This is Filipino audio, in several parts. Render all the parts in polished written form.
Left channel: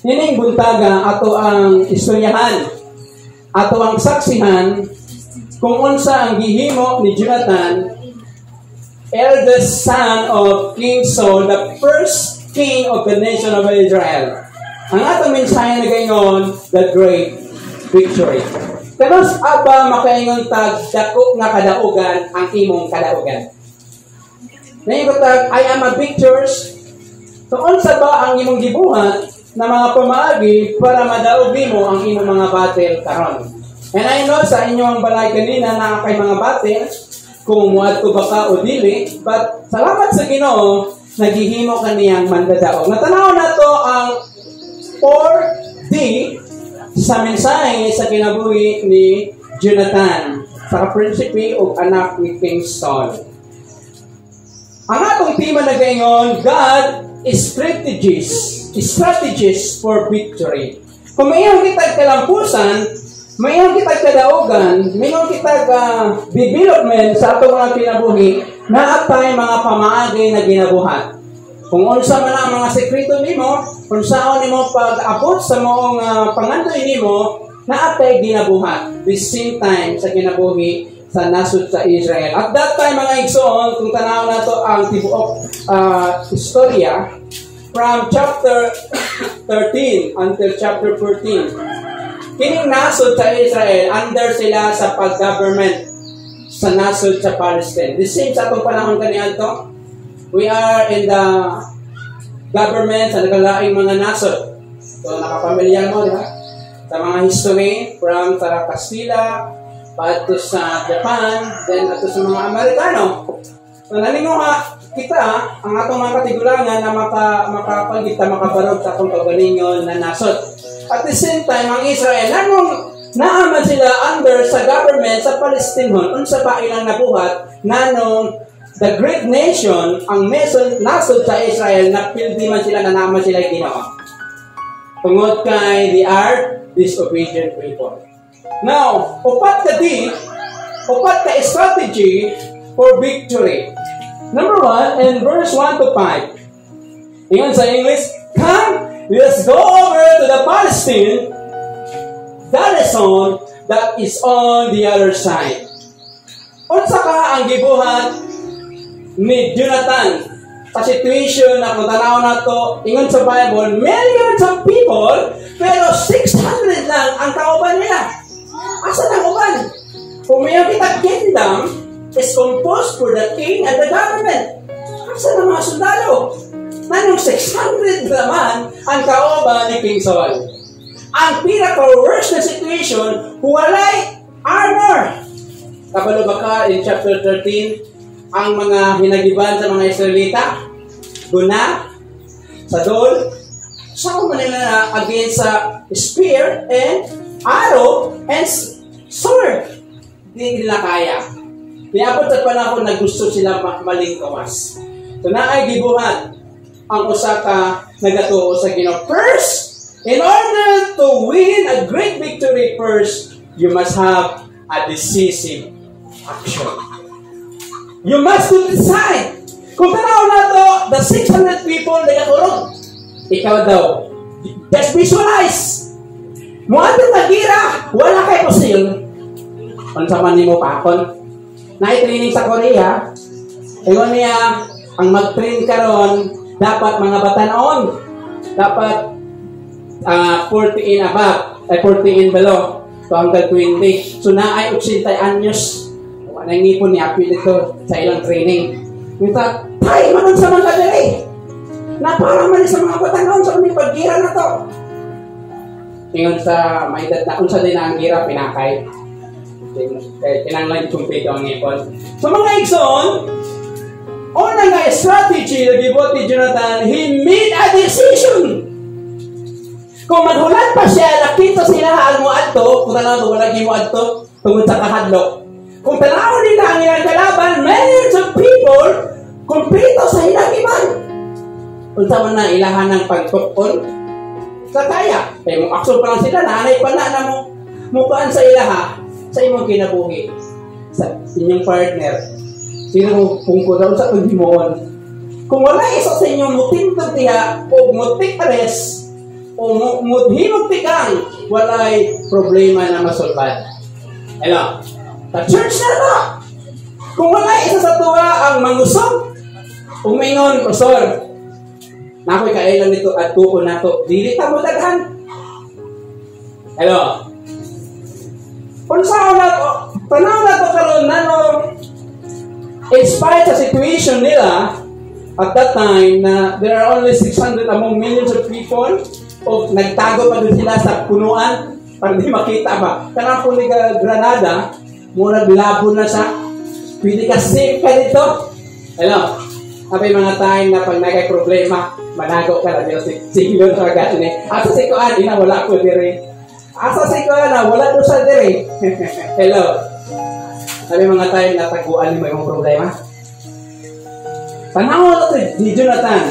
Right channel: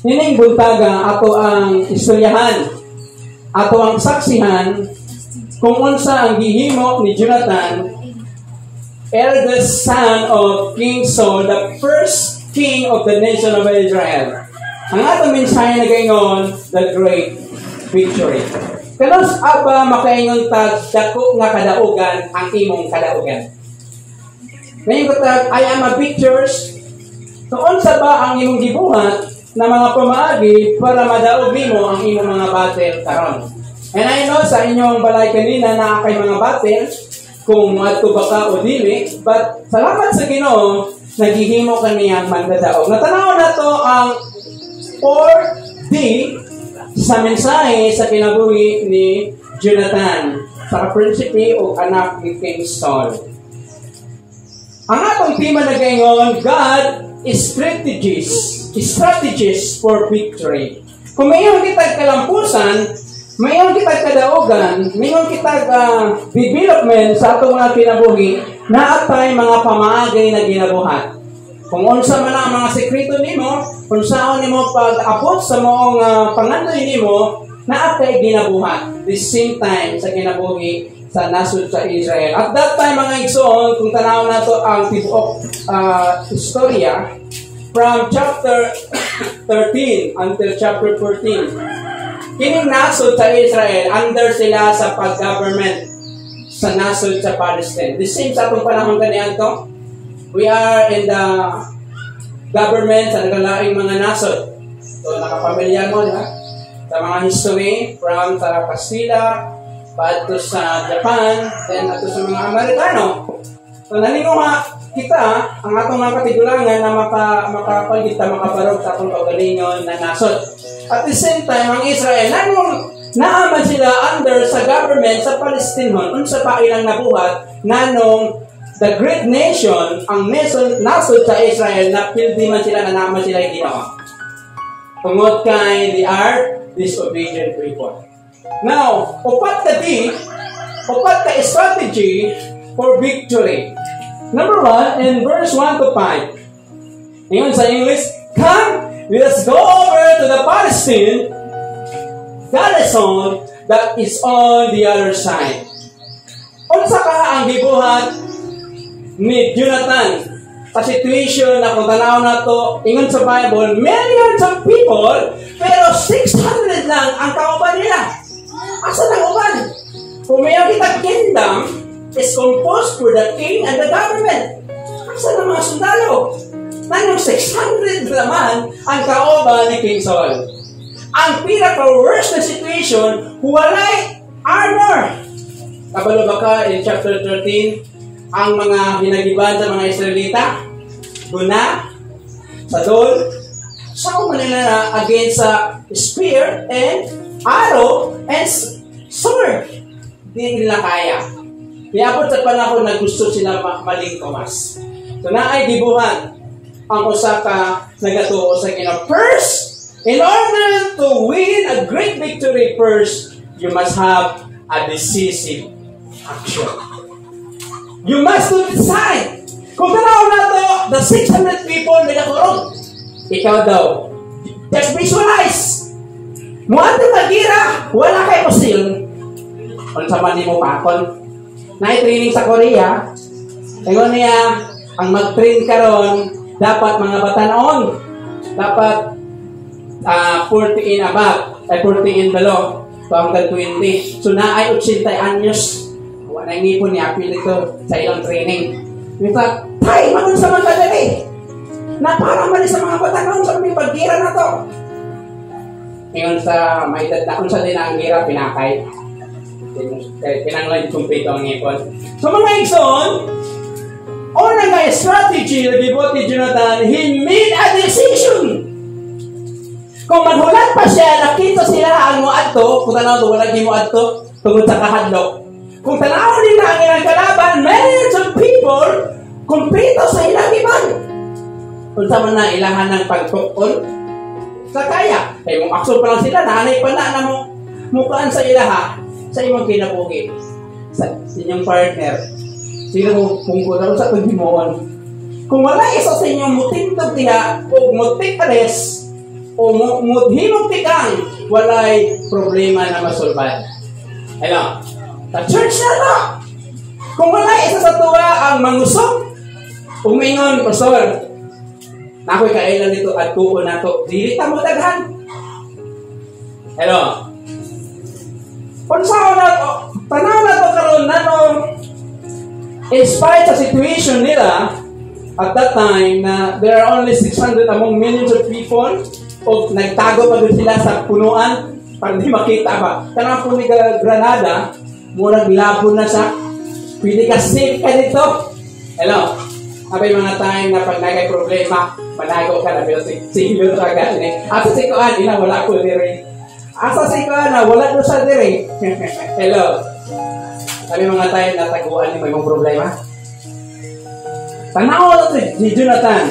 Nining buntaga ato ang istoryahan, ato ang saksihan kung unsa ang gihimo ni Jonathan, eldest son of King Saul, the first king of the nation of Israel. Ang atong mensahe na gayon, the great victory. Kanos aba makaingon tag dako nga kadaugan ang imong kadaugan. Ngayon ko tag, I am a victors. So unsa ba ang imong gibuhat na mga pamaagi para madaog nimo ang imong mga battle karon? And I know sa inyong balay kanina na kay mga battle kung muadto ba ka o dili, but salamat sa Ginoo naghihimo kaniyang mandadaog. Natanaw na to ang 4D sa mensahe sa kinabuhi ni Jonathan sa prinsipe o anak ni King Saul. Ang atong tema na gayon, God is strategies for victory. Kung mayroon kitag kalampusan, mayroon kitag kadaugan, mayroon kitag development sa atong mga kinabuhi, na atay mga pamaagay na ginabuhat. Kung unsa man ang mga sekreto nimo, kung saan nimo pag-abot sa moong pangandoy nimo, na atay ginabuhat. The same time sa kinabuhi sa nasud sa Israel. At that time, mga igsoon, kung tanaw na to ang tibuok istorya, from chapter 13 until chapter 14, kining nasud sa Israel, under sila sa pag-government sa nasud sa Palestine. The same sa itong panahon kaniyan to, we are in the government sa nagalaing mga nasod. So, nakapamilyar mo, di ba? Sa mga history, from sa Kastila, paadto sa Japan, then ato sa mga Amerikano. So, nalinguha kita, ang atong mga katigulangan na makapagita, makabarog sa atong kaugalingon na nasod. At the same time, ang Israel, naaman sila under sa government sa Palestine, unsa pa ilang nabuhat, nanong the great nation, ang nasod sa Israel, napildi man sila, na naaman sila yung ginawa. Tungod kay they are disobedient people. Now, upat ka strategy for victory. Number 1, in verse 1 to 5. Ingon sa English, come, let's go over to the Palestine garrison that is on the other side. Unsa ka ang gibuhat ni Jonathan sa situation na kung tanaw na to, ingon sa Bible, millions of people, pero 600 lang ang kauban nila. Asa na uban? Kung mayroon kitang kingdom is composed for the king and the government. Asa na mga sundalo? Nanong 600 naman ang kauban ni King Saul. Ang pinaka-worst na situation, walay armor. Kabalo ba ka in chapter 13, ang mga hinagiban sa mga Israelita, guna, sadol, sa kumanila na against sa spear and arrow and sword. Hindi nila kaya. Niabot sa panahon na gusto sila malingkawas. So naay gibuhat ang usaka nagatuo sa Ginoo. First, in order to win a great victory, first, you must have a decisive action. You must decide. Kung tanaw na to, the 600 people nagaturong. Ikaw daw, just visualize. Muadto nga gira, wala kay pusil. Unsa man nimo pakon? Nai-training sa Korea. Ingon niya, ang mag-train karon dapat mga batanon. Dapat 40 and above, 40 and below. So hanggang 20. So naay 80 anyos. Wala ngipon niya apil ito sa ilang training. Mita, tay man sa mga kadali. Na para man sa mga batanon sa mga paggira na to. Ingon sa may edad na unsa din ang gira pinakay. Kinanglan chumpito ang ipon. So mga igsoon, una nga strategy na gibot ni Jonathan, he made a decision. Kung maghulat pa siya, nakita sila ang muadto, kung tanaw wala yung muadto, tungod sa kahadlok. Kung tanaw nila ang ilang kalaban, millions of people, kumplito sa ilang iban. Kung saan na ilahan ng pagtukon, sa kaya. Kaya mong aksyon pa lang sila, naanay pa na mo, mukaan sa ilaha, sa imong kinabuhi, sa inyong partner. Sino mo pungko daw sa paghimuon. Kung wala isa sa inyong mutintog diha, o mutik ares, o muthimog tikang walay problema na masulbad. Hello? Sa church na to. Kung walay isa sa tuwa ang mangusog, umingon, Pastor, na ako'y kailan nito at tuon na to, dili ta mo daghan. Hello? Kung saan na to, tanaw na to karon na no, in spite sa situation nila, at that time, na there are only 600 among millions of people, o nagtago pa doon sila sa punuan, para di makita ba. Kanang po ni Granada, murag labo na sa, pwede ka safe ka dito. Hello? May mga time na pag nagay problema, manago ka na, sigilon sa agad ni. Asa si Kuan, ina, wala ko diri. Asa si Kuan, wala ko sa diri. Hello? May mga time na taguan ni may mga problema. Tanaw na ito, di Jonathan.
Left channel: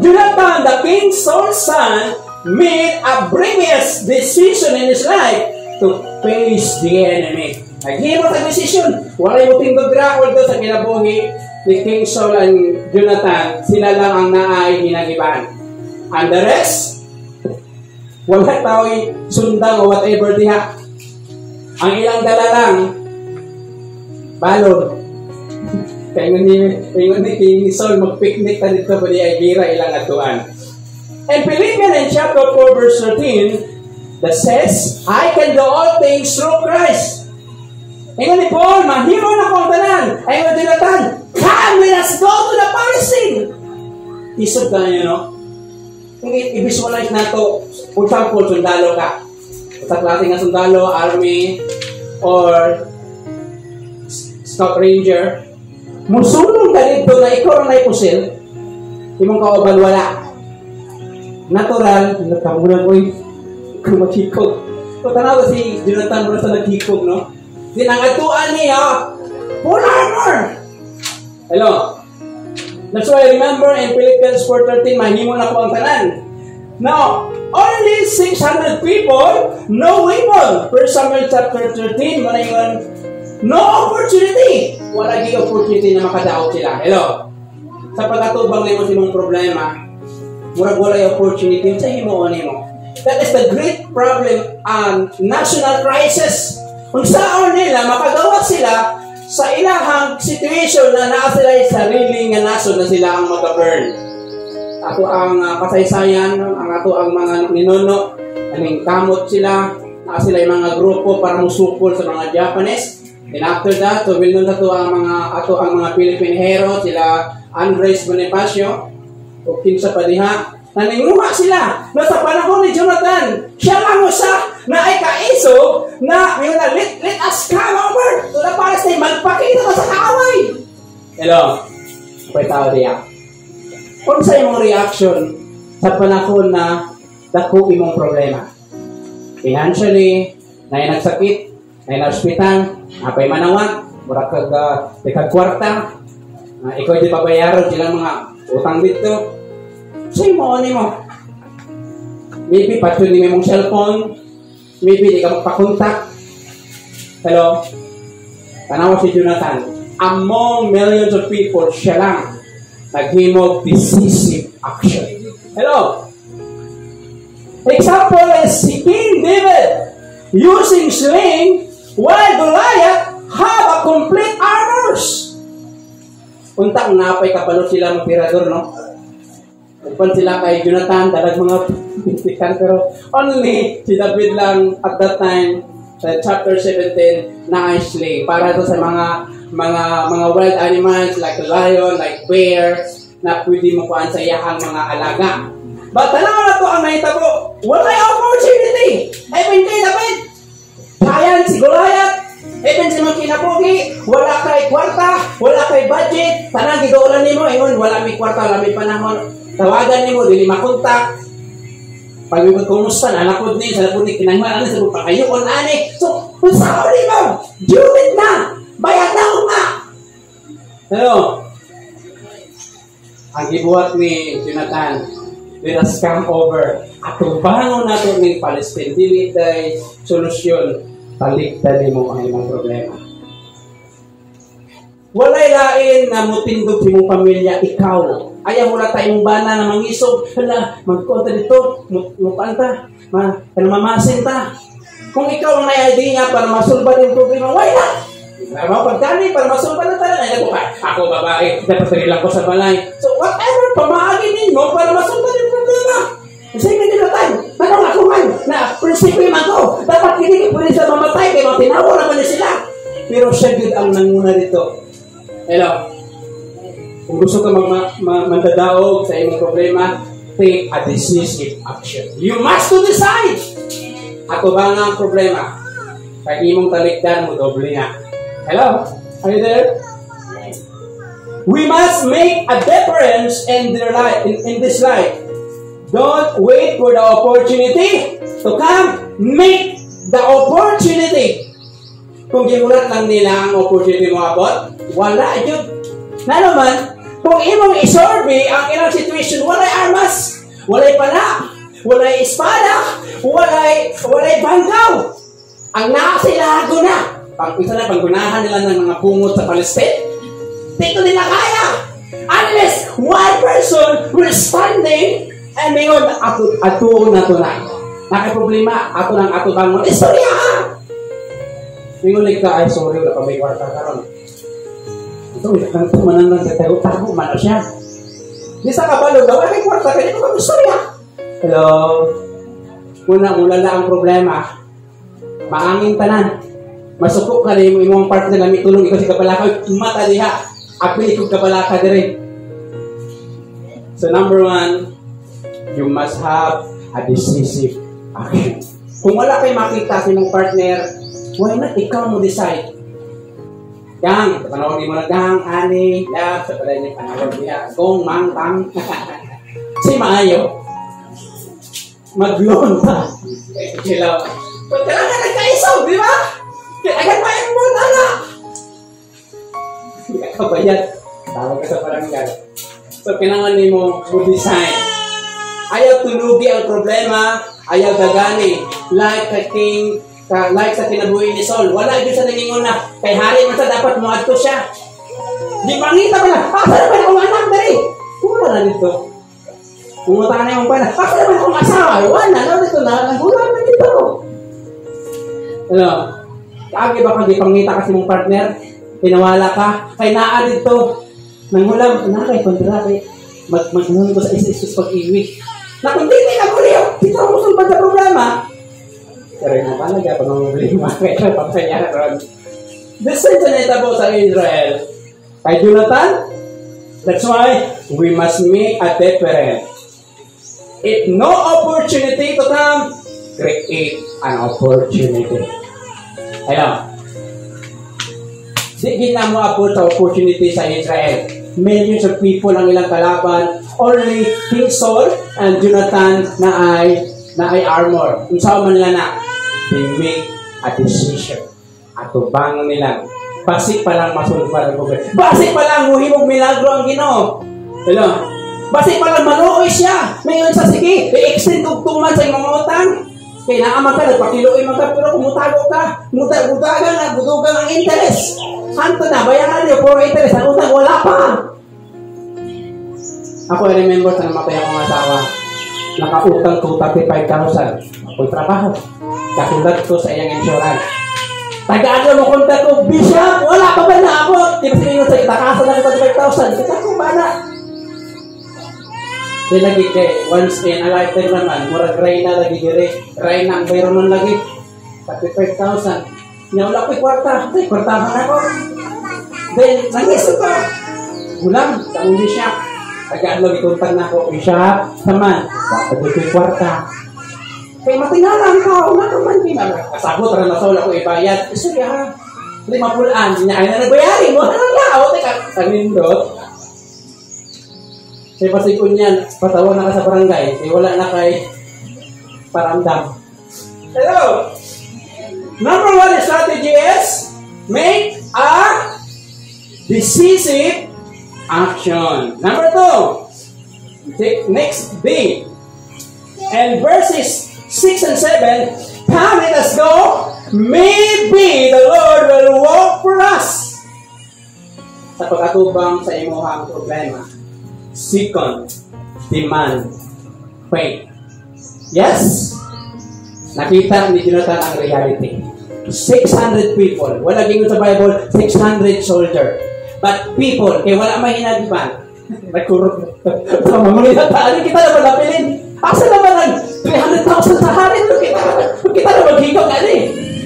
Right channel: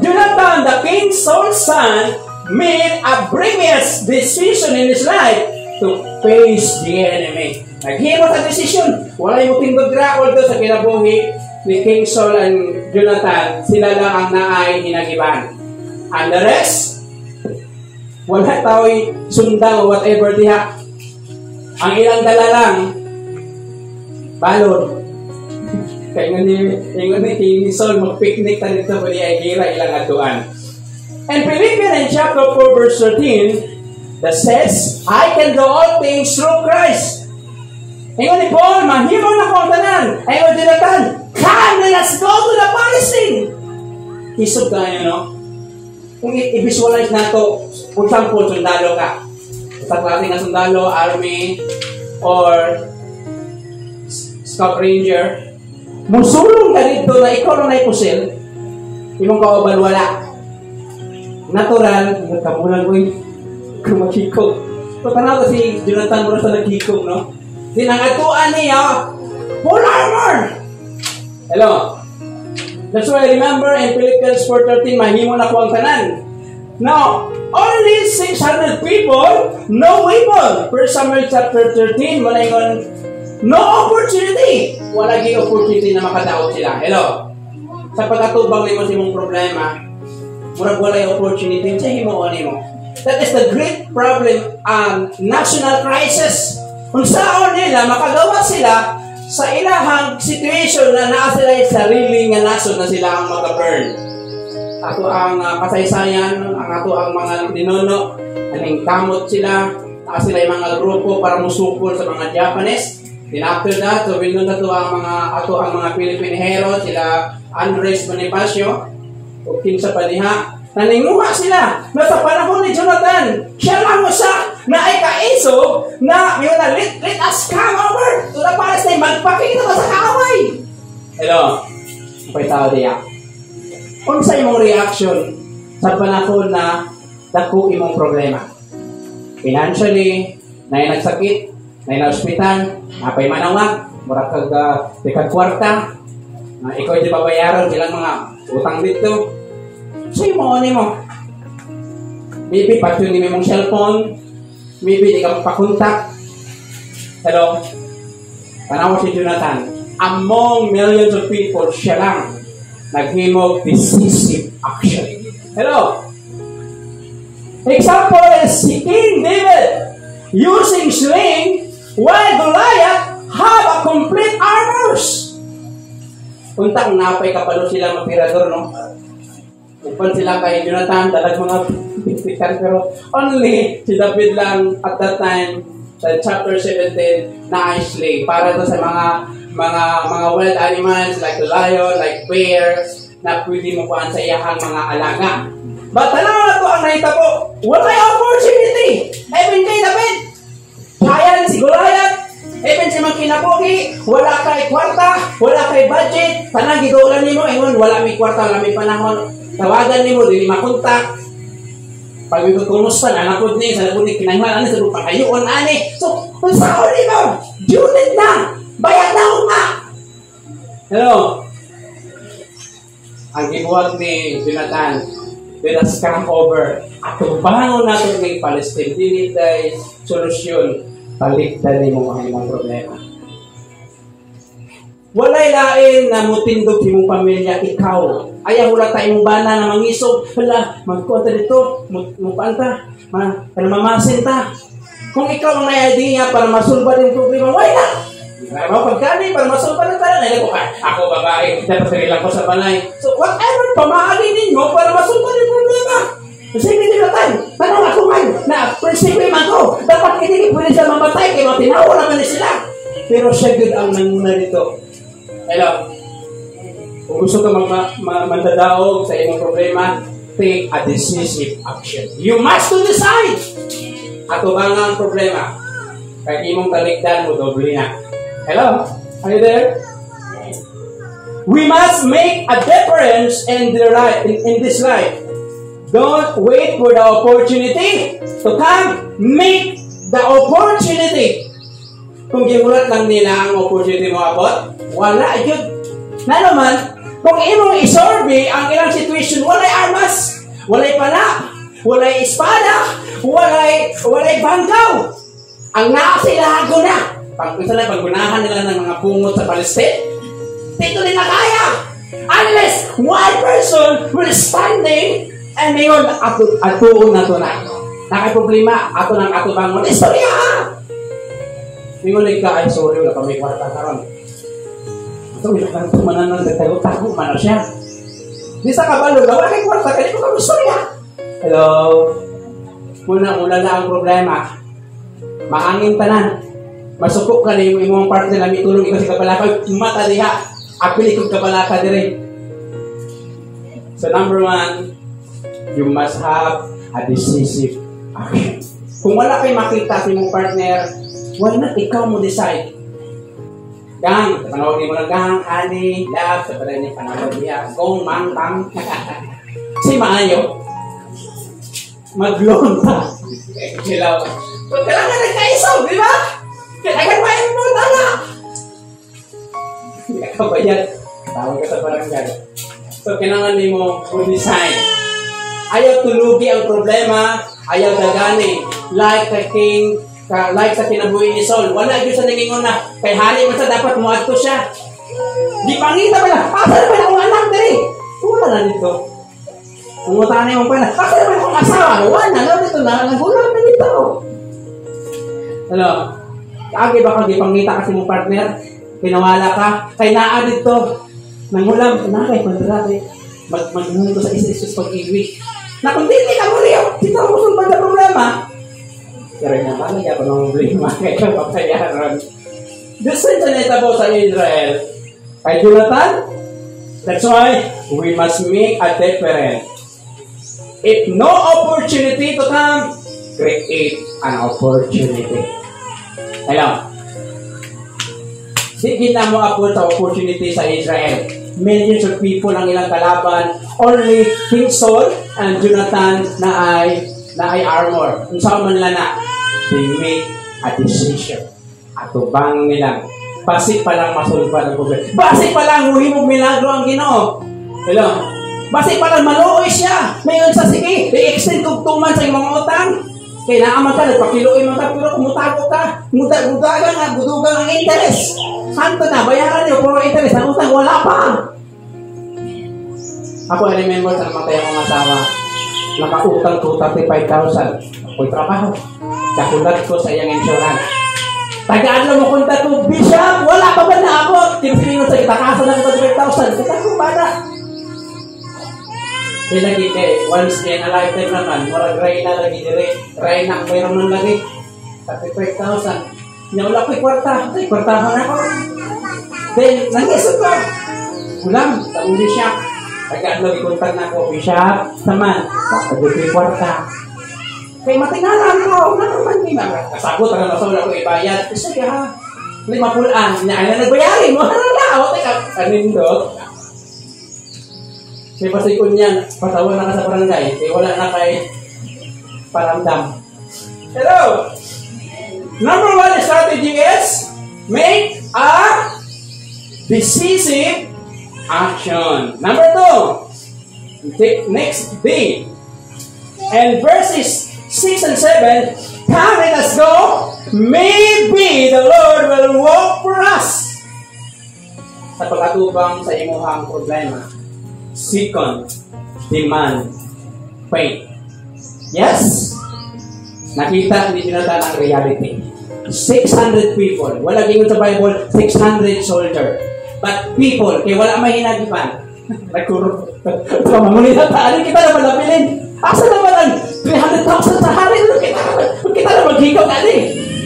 Jonathan, the king's sole son, made a brilliant decision in his life to face the enemy. Naghimo sa decision. Wala yung tindog drakol doon sa kinabuhi ni King Saul and Jonathan. Sila lang ang naay hinagiban. And the rest, wala tao'y sundang o whatever diha. Ang ilang dala lang, balon. Kaya ingon ni King Saul, mag-picnic ta dito pa ay gira ilang atuan. And Philippians in chapter 4 verse 13 that says, I can do all things through Christ. Ingon ni Paul, mahimo na ko ang tanan. Ingon ni Jonathan, come, let us go to the Palestine. Isog tayo, no? Kung i-visualize na to, for example, sundalo ka. Sa klase nga sundalo, army, or scout ranger, musulong ka dito na ikaw na ipusil, imong kauban wala. Natural, nagkamulan ko yung makikog. So, tanaw si Jonathan muna sa nagkikog, no? Dinangatuan niya, full armor! Hello? That's why I remember in Philippians 4:13, mahimo na ko ang tanan. Now, only 600 people, no weapon. 1 Samuel chapter 13, maningon, no opportunity. Wala gig opportunity na makadaot sila. Hello? Sa pagkatubang nimo sa imong problema, murag wala yung opportunity sa himuon nimo. That is the great problem, national crisis. Kung saan nila makagawa sila sa ilahang situation na naa sila yung sariling nga nasod na sila ang mag-burn. Ato ang kasaysayan, ang ato ang mga ninuno, aning kamot sila, naa sila yung mga grupo para musukol sa mga Japanese. And after that, so will na to ang mga Philippine hero, sila Andres Bonifacio, o kinsa pa diha, naninguha sila na sa panahon ni Jonathan, siya lang usa na ay kaiso na let us come over to the Palestine, magpakita ka sa kaaway. Hello? Pwede tao diya. Kung sa imong reaction sa panahon na dako imong problema, financially, na yung nagsakit, na yung na-hospital, napay manawag, mura kag kwarta, ikaw di pabayaran silang mga utang dito. Sa'yo mo, maybe patyo ni mong cellphone, maybe di ka magpakontak. Hello? Tanaw si Jonathan, among millions of people, siya lang naghimog decisive action. Hello? Example is si King David using sling while Goliath have a complete armors. Untang napay kapalo sila magtirador, no? Kung sila kay Jonathan, dalag mga pitikan, pero only si David lang at that time, sa chapter 17, na sling para to sa mga wild animals like lion, like bear, na pwede mo kuhaan sa iyahang mga alaga. But tanaw na to ang nahitabo, wala yung opportunity. Even kay David, giant si Goliath, even si mga kinabuhi, wala kay kwarta, wala kay budget, tanang gidaulan nimo, ingon wala may kwarta, wala may panahon. Tawagan nimo, dili makontak. Pag may kumusta, nanapod niyo, sa napod niyo, kinanghalan sa lupa kayo, ani. So, kung saan mo, Judith na, bayad na nga. Hello? Ang gibuhat ni Jonathan, let us come over. At tubangon natin ng Palestine, dili tayo solusyon, taliktan mo ang imong problema. Walay lain na mutindog imong pamilya, ikaw Ayaw wala tayong bana na mangisog. Hala, magkuha dito, mupanta, mamasin ta. Kung ikaw ang idea para masulba din problema, why not? Pagkani, para masulba na tayo. Ako babae, dapat kailang ko sa balay. So whatever, pamahalin ninyo para masulba din problema. Kasi hindi na tayo. Tanong ako man, na prinsipyo ako. Dapat hindi pwede siya mamatay, kaya matinawa naman sila. Pero siya good ang nanguna dito. Hello? Kung gusto ka mandadaog sa iyong problema, take a decisive action. You must to decide. Ato ba nga ang problema? Kaya imong talikdan mo, doble na. Hello? Are you there? We must make a difference in their life, in this life. Don't wait for the opportunity to come. Make the opportunity. Kung gimulat lang nila ang opportunity mo abot, wala yun. Na naman, kung imong isorbe ang ilang situation, walay armas, walay pala, walay espada, walay banggaw. Ang nakasilago na. Paggunahan nila ng mga pungot sa Palestine, dito nila kaya. Unless one person will standing and mayon atuon na ito na. Nakaproblema, ako ng ato bang mga istorya. Mingulig ka, ay sorry, wala pa may kwarta karon. Ito, ang tumanan ng tago-tago, mano siya. Di sa kabalo, wala may kwarta, kaya ito ka istorya. Hello? Unang-ulala ang problema. Maangin tanan. Masukok ka na yung imong partner na may tulong ikaw si kabalaka. Mata diha. Apil ikaw kabalaka dire. So number 1, you must have a decisive action. Kung wala kayo makita sa imong partner, why not ikaw mo decide? Gang, panawagin mo na gang, ani, love, sa pala niya panawag niya. Kung mang, pang. Si Maayo. Maglonta. Silaw. So, kailangan nagkaisaw, di ba? Kailangan pa yung notala. Hindi ka bayad. Tawag ka sa barangay. So, kailangan mo design. Ayaw tulugi ang problema. Ayaw gagani. Like sa kinabuhi ni Saul. Wala yun sa naging una. Kay hari man sa dapat muad ko siya. Di pangita ba na? Asa naman akong anak dari? Wala na nito. Umutanay mo pa na. Asa naman akong asawa? Wala na nito na. Nagulang na nito. Ano? Kaagi ba kang ipangita kasi mong partner? Pinawala ka? Kay naa dito. Nangulang. Nakay kontrabe. Magnunan ko sa isa-isus pag-iwi. Na kung hindi ka muli yun, dito mo sulpan sa problema. Pero yung napalaga pa mga problema kaya papayaran. Design sa neta po sa Israel. Kay Jonathan, that's why we must make a difference. If no opportunity to come, create an opportunity. Ayun. Sige na mo abot sa opportunity sa Israel. Millions of people ang ilang kalaban. Only King Saul and Jonathan na ay armor. Kung saan man nila na, they make a decision. Atubang nila. Basik pa lang masulpa ng problema. Basik pa lang huhimog milagro ang Ginoo. Hello? Basik pa lang maluoy siya. Mayon sa sige, i-extend tugtuman sa mga utang. Kaya naaman ka, nagpakiluin mo ka, pero kumutago ka. Mutagan na, budugan ang interest. Santo na, bayaran niyo, puro interest. Ang utang, wala pa. Ako remember sa namatay ang mga asawa. Nakautang 235,000. Ako'y trabaho. Kakundat ko sa iyang insurance. Tagaan mo kuntat ko, Bishop, wala pa ba na ako? Tinipingon sa kitakasan ng 25,000. Kita ko ba na? Di lagi kay, once in a lifetime naman, murag ray na lagi dire. Ray na ang mayroon ng lagi. 35,000. Niya wala ko'y kwarta. Ay, kwartahan ako. Then, nangis ito. Ulam, sa Bishop. Tagaan lagi kuntat na ako, Bishop. Taman, kapag ko'y kwarta. Kaya matinalang ko, wala naman, kasabot na nasaw lang ko ibayad. Kasi ha, 50 niya ay na nagbayarin mo. Anong lao? Teka, kanindot. Kasi pasikon yan, patawag na ka sa barangay. Kaya wala na kay paramdam. Hello! Number 1 strategy is make a decisive action. Number 2, take next day. And verses 6 and 7, come let us go. Maybe the Lord will walk for us. Sa pag-atubang sa imuhang problema, Second, demand faith. Yes? Nakita ni Jonathan ang reality. 600 people. Wala gingon sa Bible, 600 soldier. But people, kaya wala mahinagipan. Nagkurot. So, mangunita tayo, kita na palapilin. Asa naman ang 300,000 sa hari? Kita na maghigaw ka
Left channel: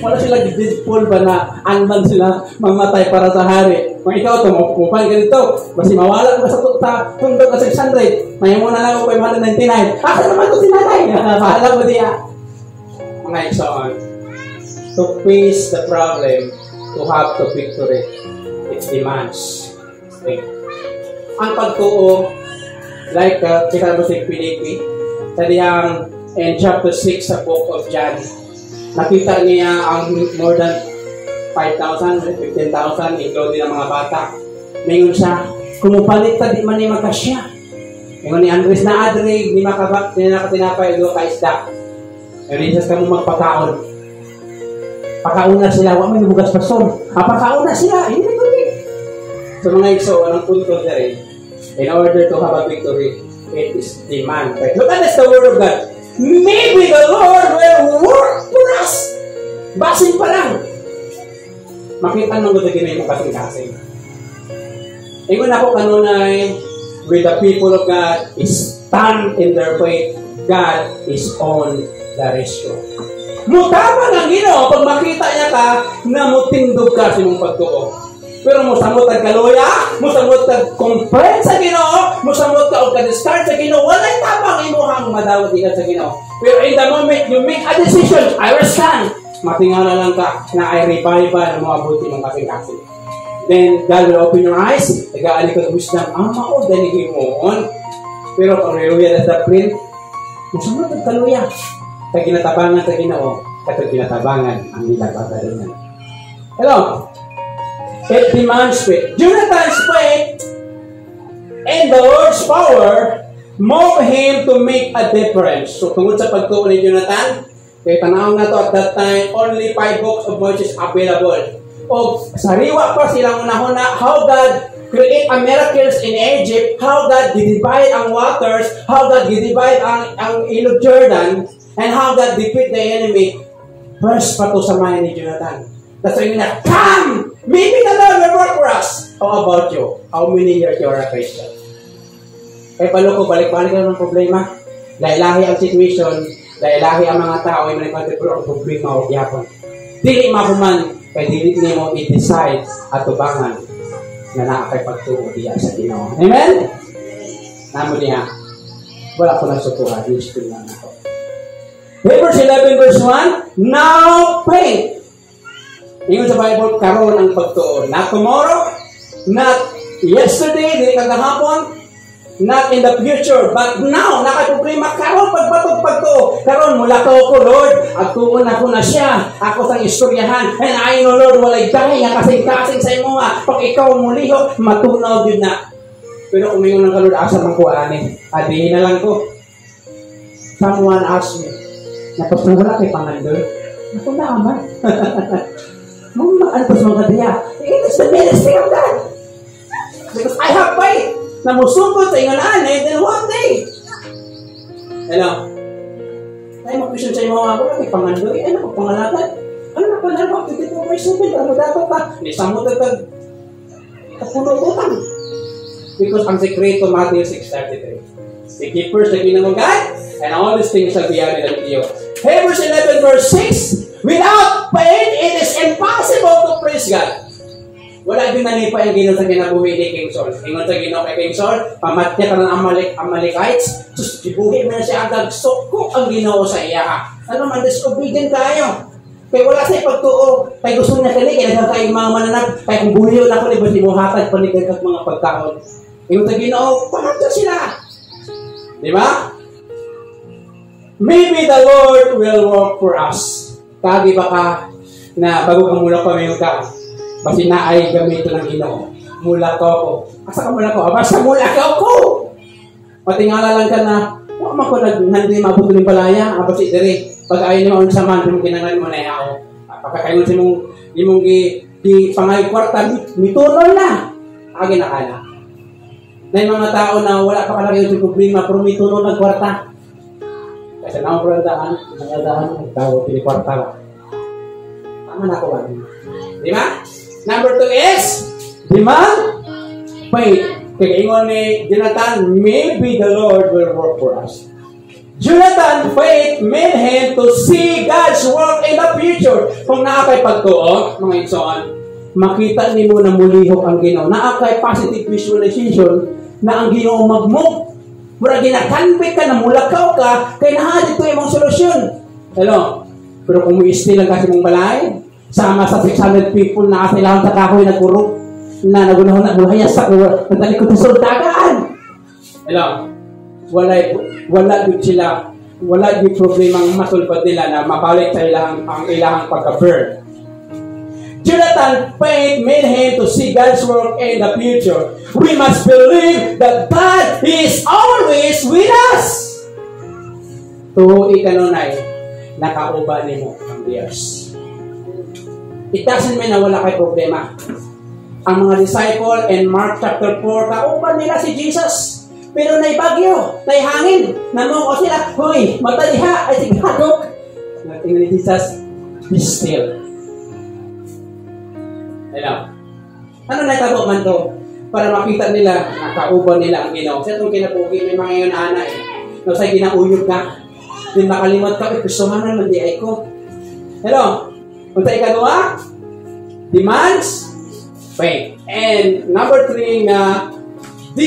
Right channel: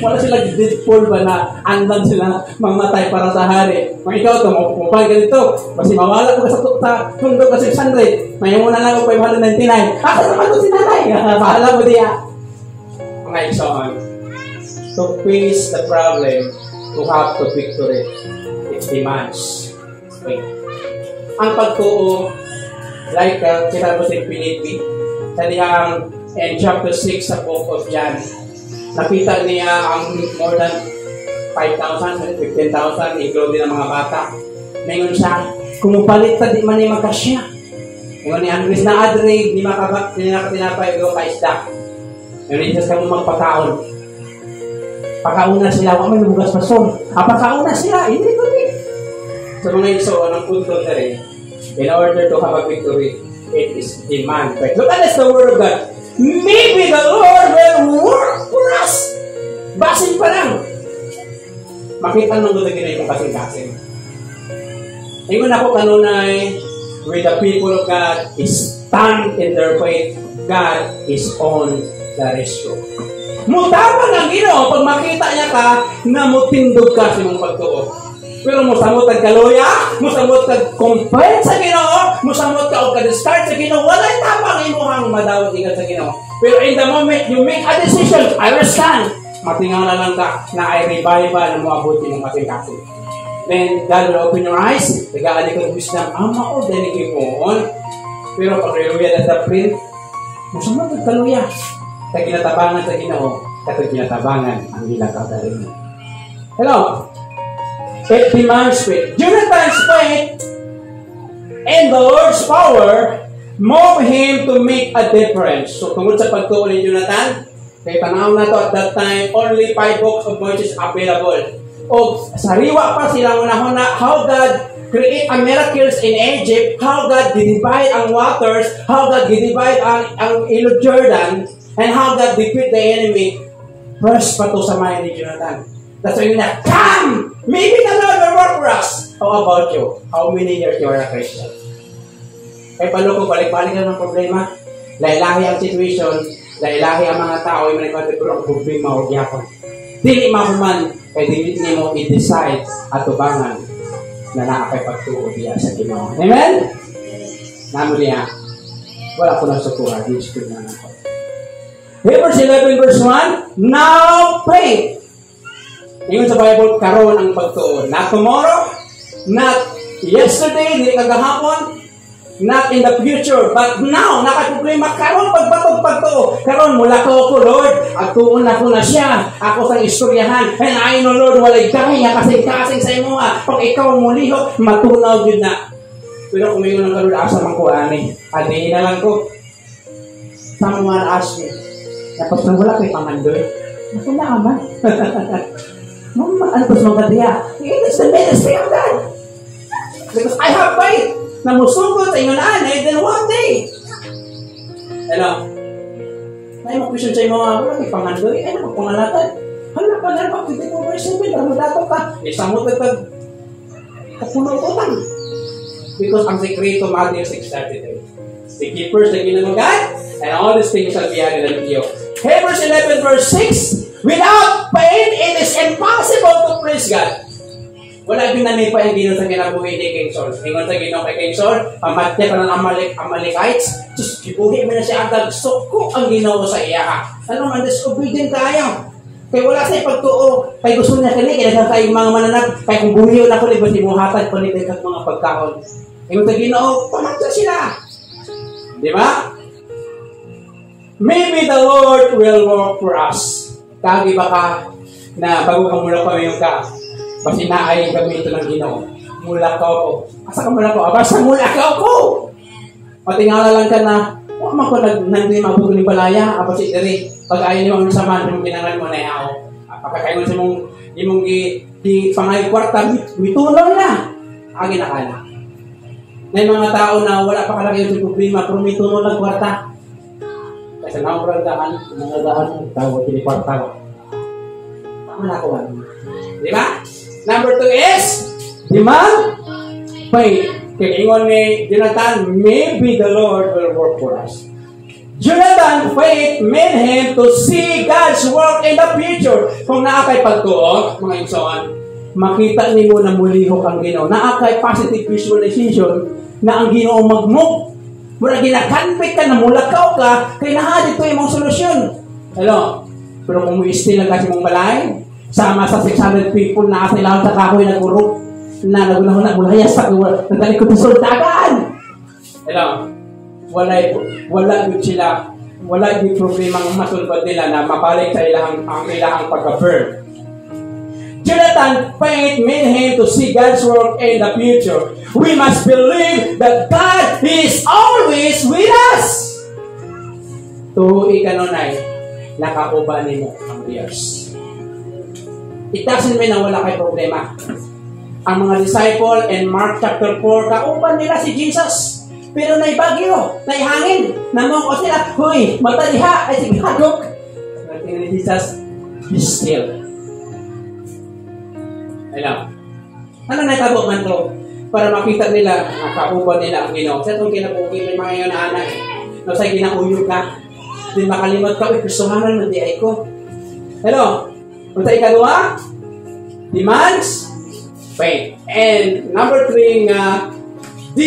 wala sila Deadpool ba na andan sila mamatay para sa hari. Kung ikaw ito, mapupal ka dito. Basi mawala ko sa tundog ka 600. May muna lang ako 599. Asa naman ito si nanay? Pahala mo diya. Mga iksoon. To face the problem, to have the victory, it demands faith. Ang pagtuo, like kita mo si Pilipi, sa diyang in chapter 6 sa book of John, nakita niya ang more than 5,000, 15,000, including ang mga bata. Ngayon siya, kumupalit ta di man niya magkasya. Ngayon ni Andres na adre, di makabak, di na tinapay, ito kaisda. Ngayon isa ka mo magpakaon. Pakauna sila, wala may bugas pasong. Pakauna sila, hindi ito eh. So mga iso, anong punto na rin, in order to have a victory, it is demand. Right? Look at this, the word of God. Maybe the Lord will work for us. Basin pa lang. Makita nang gusto gina yung kasing-kasing. Ingon ako kanunay, with the people of God, is stand in their faith. God is on the rescue. Mutama ng Ginoo pag makita niya ka na mutindog ka sa mong pagtuo. Pero musamot ka kaluya, musamot ka complaint sa Ginoo, musamot ka o ka-discard sa Ginoo, wala'y tabang imuhang madawat ikat sa Ginoo. Pero in the moment you make a decision, I will stand. Matingaw na lang ka na ay revival na mabuti ng kasing-kasing. Then God will open your eyes, tagaan ka wisdom, mao, deligin mo on. Pero kung hallelujah at the print, musamot ka kaluya. Sa ginatabangan sa Ginoo, at ginatabangan ang nilatatalingan. Hello? It demands faith. Jonathan's faith and the Lord's power moved him to make a difference. So, tungkol sa pagtuo ni Jonathan, kaya tanaw na to at that time, only 5 books of Moses available. O, sariwa pa silang una-una, how God create a miracles in Egypt, how God divide ang waters, how God divide ang ilog Jordan, and how God defeat the enemy. First pa to sa mind ni Jonathan. That's why na, come! Maybe the Lord will work for us. How about you? How many years you are a Christian? Kaya palo ko, balik-balik na ng problema. Lailahi ang situation, lailahi ang mga tao, ay manipatid ang problema o gyapon. Dili mahuman, kaya dili niya mo i-decide at tubangan na naakay pagtuo diya sa Ginoo. Amen? Namo niya, wala ko na sa tuwa, yung spirit na ako. Hebrews 11 verse 1, now faith. Ingon sa Bible, karon ang pagtuo. Not tomorrow, not yesterday, hindi kagahapon, not in the future, but now, nakaproblema, karon pagtuo. Karon mula ko Lord, at tuon ako na siya. Ako sang istoryahan, and I know, Lord, walay dahil nga kasing-kasing sa imo nga. Pag ikaw muliho, matunaw yun na. Pero umingon ng kalod, asa mang ko ani. Adihin na lang ko. Someone asked me, napos na wala kay Pangandoy. Ako na naman. Mama, antos mga diya. It is the ministry of God. Because I have faith. Na musugod sa inganan, and then one day. Hello? Ay, mag-question sa mga, wala kay Pangandoy. Ay, nakapangalagan. Ano na pa na ba? 52/7. Ano dapat ka? Isang mo tagtag. Kapuno-utang. Because ang sekreto, Matthew 6:33. The keepers na ginamang God, and all these things shall be added unto you. Hebrews 11 verse 6, without faith, it is impossible to please God. Wala din nalipa yung Ginoo sa kinabuhi ni King Saul. Ingon sa Ginoo kay King Saul, pamatya ka ng Amalekites, sus, gibuhi mo na siya agad, sukok ang Ginoo sa iya. Ano man, disobedient tayo. Kaya wala sa'yo pagtuo, kaya gusto niya kani, kaya nagkang kayong mga mananap, kaya kung buhiyo na ko, libat si muhatag, panitig at mga pagkaon. Ingon sa Ginoo, pamatya sila. Di ba? Maybe the Lord will work for us. Kagi ba ka na bago ka mula pa mayroon ka, basi na ay gamito ng Ginoo. Mula ka ako. Asa ka mula ko? Basta mula ka ako! Patingala lang ka na, huwag man ko nandiyo mabutuling palaya, basi diri, pag ayaw niyo sa man, yung ginangal mo na ako. Pagkakaingon sa mong di pangay kwarta, mitulong na. Agin na ka na. Na yung mga tao na wala pa kalaki yung problema, pero may tuno ng kwarta. Kasi na ang nangadaan, tao, pinikwarta. Tama na ako. Di ba? Number 2 is, demand, faith. Kaya ingon ni Jonathan, maybe the Lord will work for us. Jonathan, faith made him to see God's work in the future. Kung naakay pagtuo, mga igsoon, makita ni mo na mulihok ang Ginoo. Naakay positive visualization na ang Ginoo mag-move. Mura ginakanpit ka na mulakaw ka, kaya nahadit ko yung mga solusyon. Hello? Pero kung muisti lang kasi mong balay, sama sa 600 people na kailangan sa kahoy na guro, na nagunahon na buhayas sa nagtalikod sa sultagan. Hello? Wala yung sila, wala yung problema ang masulpad nila na mabalik sa ilang pagka-burn. Jonathan, faith made him to see God's work in the future. We must believe that God is always with us. Tuhoy ka nunay, nakauban mo ang Diyos. It doesn't mean na wala kay problema. Ang mga disciple in Mark chapter 4, kauban nila si Jesus. Pero naibagyo, naihangin, namong o sila, huy, mataliha, ay sigadok. Tingnan ni Jesus, be still. Hello. Ano natabo man to? Para makita nila, nakauban nila ang Ginoo. Sa itong kinabuki, may mga yun anak eh. No, sa ginauyog ka. Din makalimot ka, personalan man di ay ko. Hello. Kung sa ikaduha, demands, faith. And number 3 nga, D,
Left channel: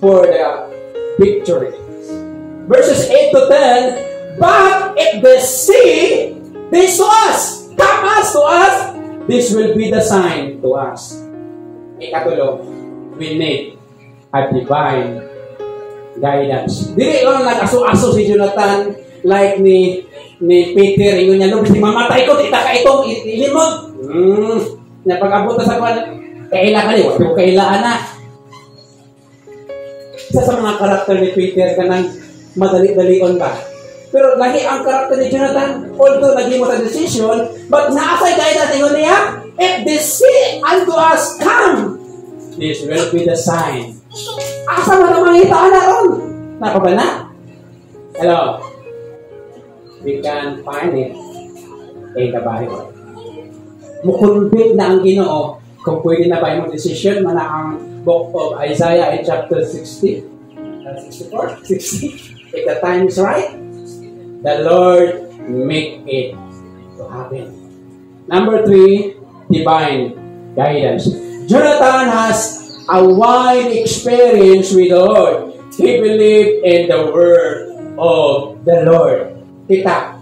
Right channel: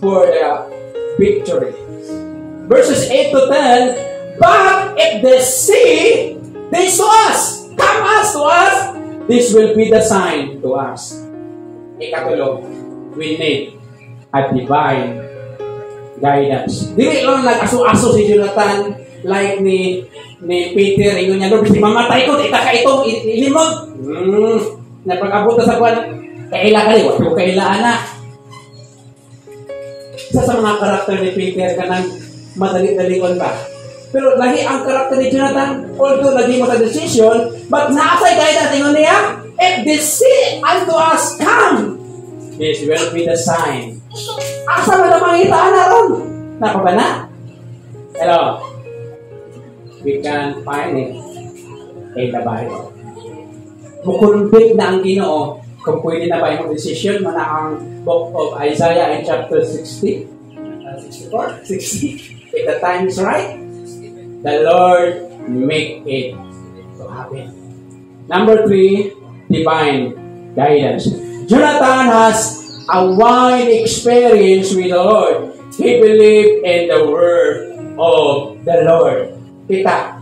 for the victory. Verses 8 to 10, but if they see, they saw us, come us to us, this will be the sign to us. Ikatulo, we need a divine guidance. Dili lang nag-aso-aso si Jonathan like ni Peter. Ingon niya, no, mamatay ko, tita ka itong ilimod. Napag-abot sa kwan, kaila ka niyo, pero kailaan na. Isa sa mga karakter ni Peter ka nang madali-dalion ka. Pero lahi ang karakter ni Jonathan, although naging mo sa decision, but naasay guidance, ingon niya, if they see unto us come, this will be the sign. Asa mo na mangitaan na ron? Nako ba na? Hello? We can find it in the Bible. Mukunbit na ang Ginoo kung pwede na ba yung decision man ang book of Isaiah in chapter 60 if the time is right, the Lord make it to happen. Number 3, divine guidance. Jonathan has a wide experience with the Lord. He believed in the word of the Lord. Kita,